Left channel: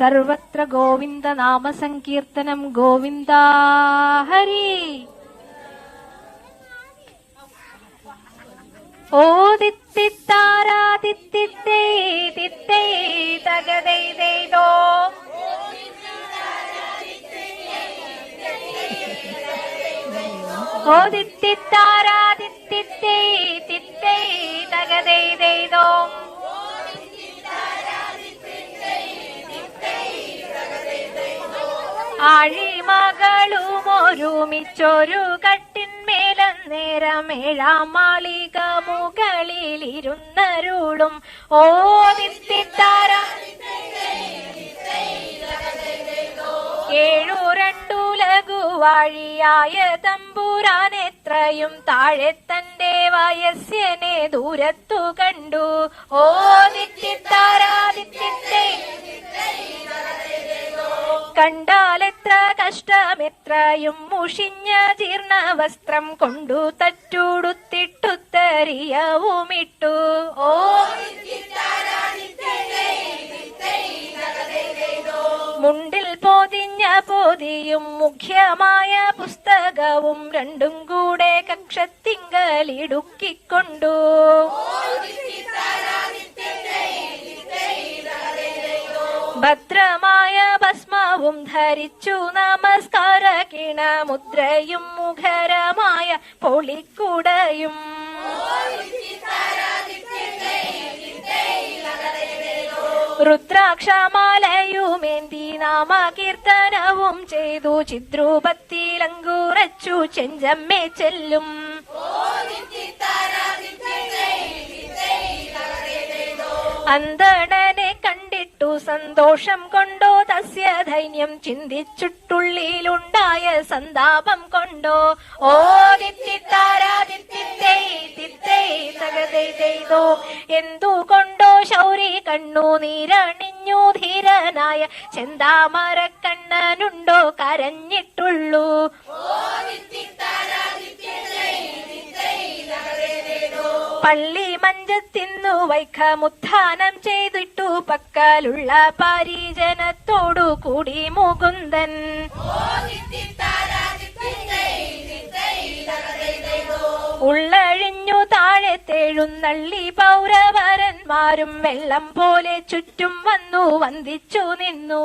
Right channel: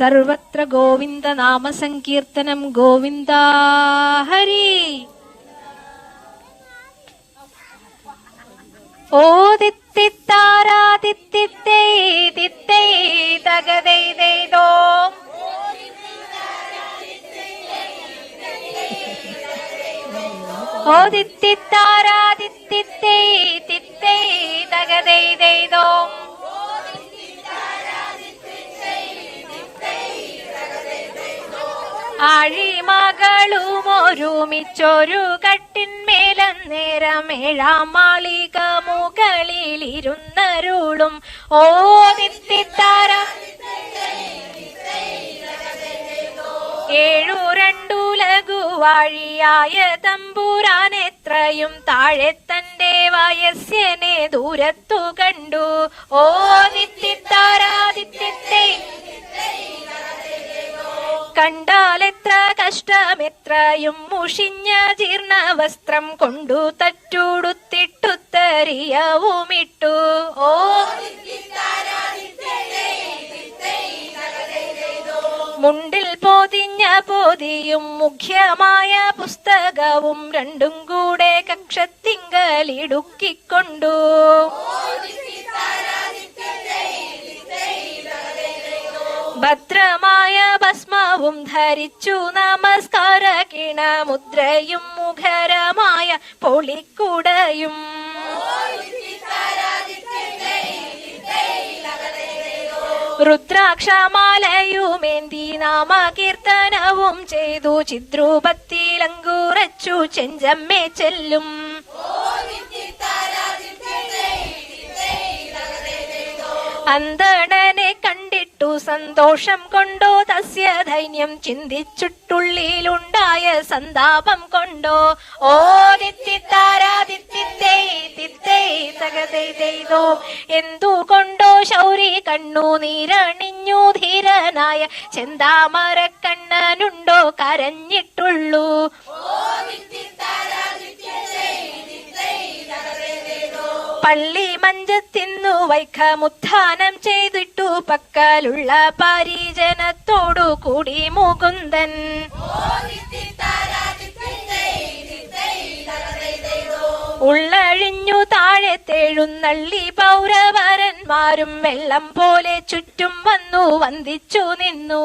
സർവത്ര ഗോവിന്ദ നാമസങ്കീർത്തനം ഗോവിന്ദ ഹരി. ഓ തിത്തിത്താരാതിത്തിത്തേ തിത്തേ തകതൈ ദൈതോ ഓ തിത്തിത്താരാതിത്തിത്തേ ഒരുമിച്ചൊരു കട്ടിന്മേലന്നേരം മാളിക മുകളിലിരുന്നരുളും. ഓ നിത്തിത്താര ഏഴു രണ്ടു ലഘുവാഴിയായ തമ്പുരാൻ എത്രയും താഴെ തന്റെ വയസ്സനെ ദൂരത്തു കണ്ടു. ഓ നിത്തിത്താരാദിത്യത്തെ കഷ്ടമെത്രയും മുഷിഞ്ഞ ജീർണ വസ്ത്രം കൊണ്ടു തറ്റുടുത്തിട്ടുത്തരിയവുമിട്ടു ഓ മുണ്ടിൽ പൊതിഞ്ഞ പൊതിയും മുഖ്യമായ പുസ്തകവും രണ്ടും കൂടെ കക്ഷത്തിങ്കലിടുക്കിക്കൊണ്ടു. ഭദ്രമായ ഭസ്മവും ധരിച്ചു നമസ്കാര കിണമുദ്രയും മുഖരമായ പൊളിക്കുടയും. രുദ്രാക്ഷമാലയുമേന്തി നാമകീർത്തനവും ചെയ്തു ചിദ്രൂപത്തിലങ്കുറച്ചു ചെഞ്ചമ്മേ ചെല്ലും. അന്തണ സന്തോഷം കൊണ്ടോ തസ്യ ധൈന്യം ചിന്തിച്ചിട്ടുള്ളിലുണ്ടായ സന്താപം കൊണ്ടോ? ഓ ചെയ്തോ എന്തുകൊണ്ടോ ശൗരി കണ്ണു നീരണിഞ്ഞു ധീരനായ ചെന്താമരക്കണ്ണനുണ്ടോ കരഞ്ഞിട്ടുള്ളൂ? പള്ളി മഞ്ചത്തിന്നു വൈഖമുത്ഥാനം ചെയ്തിട്ടു പക്കാലുള്ള പാരീജനത്തോടു കൂടി മുകുന്ദൻ. ഉള്ളഴിഞ്ഞു താഴെ തേഴുന്നള്ളി പൗരവരന്മാരും വെള്ളം പോലെ ചുറ്റും വന്നു വന്ദിച്ചു നിന്നു.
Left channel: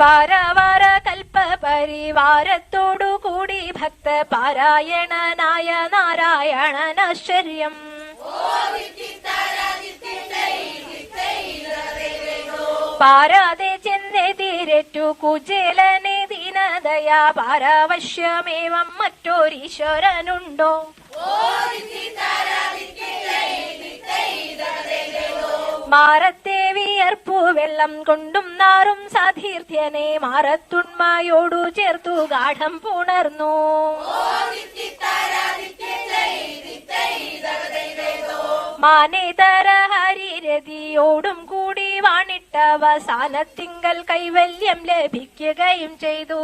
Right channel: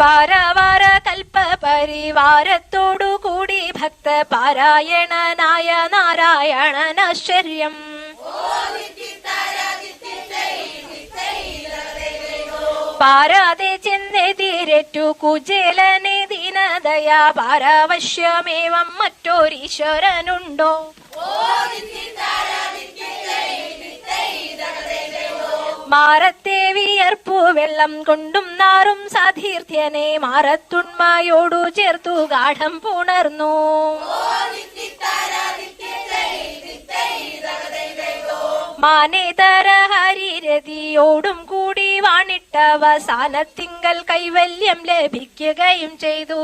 പാരവാര കൽപ്പ പരിവാരത്തോടു നാരായണനശ്വര്യം പാരാതെ ചെന്നെതിരേറ്റു കുചേലനെ ദീനതയാ പാരാവശ്യമേവം മറ്റൊരീശ്വരനുണ്ടോ? മാറത്തെ വിയർപ്പു വെള്ളം കൊണ്ടും നാറും സാധീർഥ്യനെ മാറത്തുണ്മയോടു ചേർത്തു ഗാഠം പുണർന്നു. മാനേതര ഹരിരതിയോടും കൂടി വാണിട്ടവസാനത്തിങ്കൽ കൈവല്യം ലഭിക്കുകയും ചെയ്തു.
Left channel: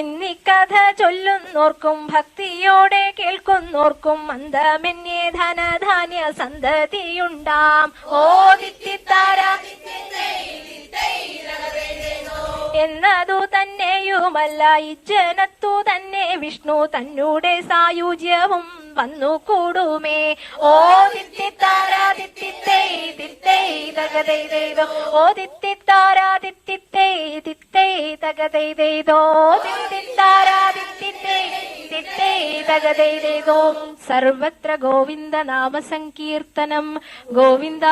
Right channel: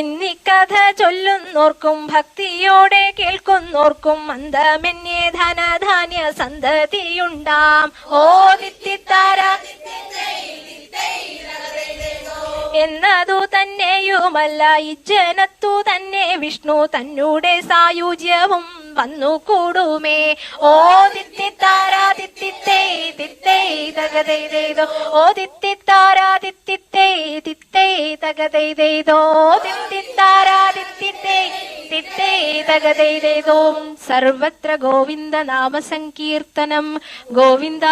ഇന്നിക്കഥ ചൊല്ലുന്നോർക്കും ഭക്തിയോടെ കേൾക്കുന്നോർക്കും മന്ദമന്യേ ധനധാന്യ സന്തതിയുണ്ടാം. ഓ എന്നതു തന്നെയുമല്ല ഇജ്ജനത്തു തന്നെ വിഷ്ണു തന്നൂടെ സായുജ്യവും വന്നു കൂടുമേ. ഓ തിത്തേ തകതെയ്തോ ദിത്തേ തകതൈതോ സർവത്ര ഗോവിന്ദ നാമസങ്കീർത്തനം. ഗോവിന്ദ.